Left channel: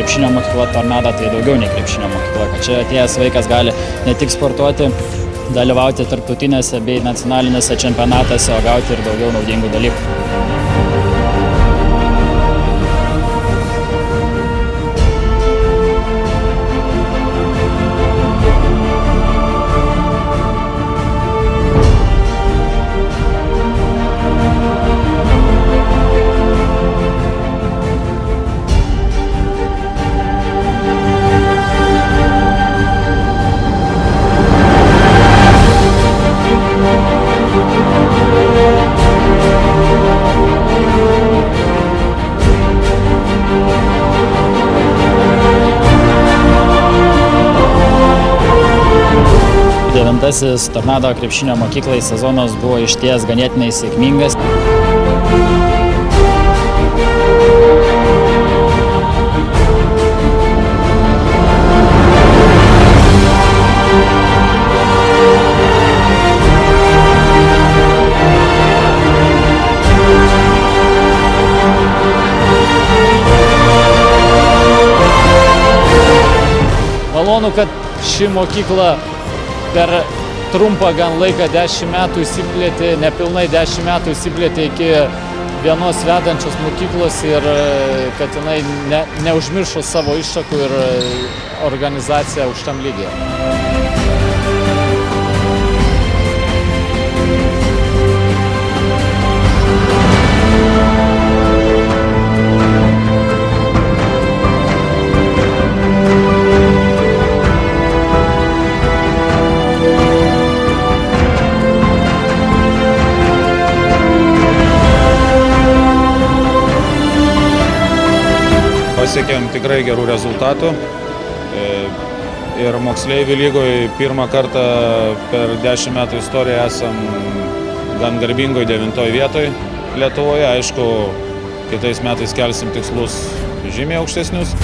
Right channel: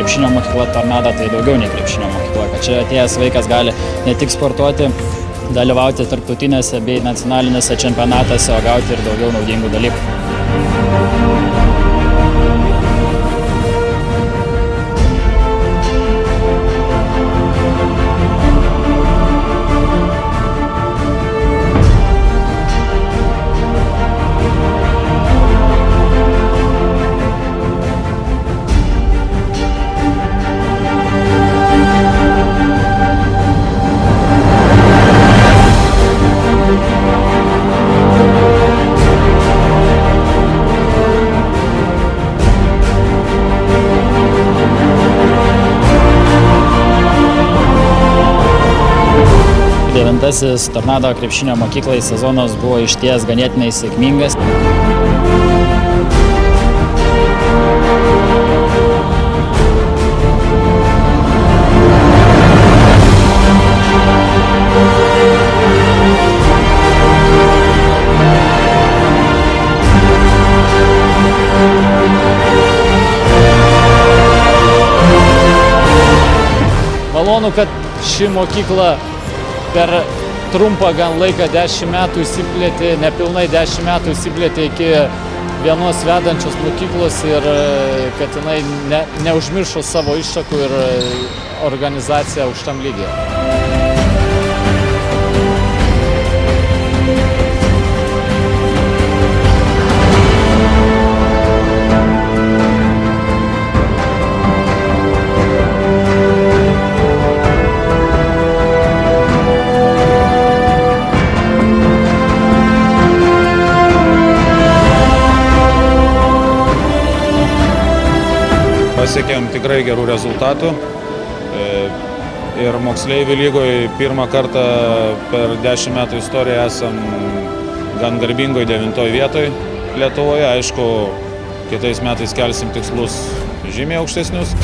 krepšinio mokykla Tornado tai daugiau nei krepšinio mokykla, kad čia atėjęs vaikas gali ne tik sportuoti, dalyvauti tarptautinėse bei nacionalinėse čempionatuose, o gauti ir daugiau naudingų dalykų. Devintasis Tornado krepšinio mokyklai sezonas buvo išties ganėtinai sėkmingas. Malonu, kad ši mokykla per trumpą gan laiką 10 metų įsiplėtė, nepilnai 10 metų įsiplėtė iki vienos vedančios mokyklos ir kad jinai neužmiršo savo iššakų ir organizaciją aukštam lygyje. Pasiekėm tikrai gerų rezultatų ir moksleivių lygoje pirmą kartą per 10 metų istoriją esam gan garbingoje 9 vietoje Lietuvoje. Aišku, kitais metais kelsim tikslus žymiai aukštesnius.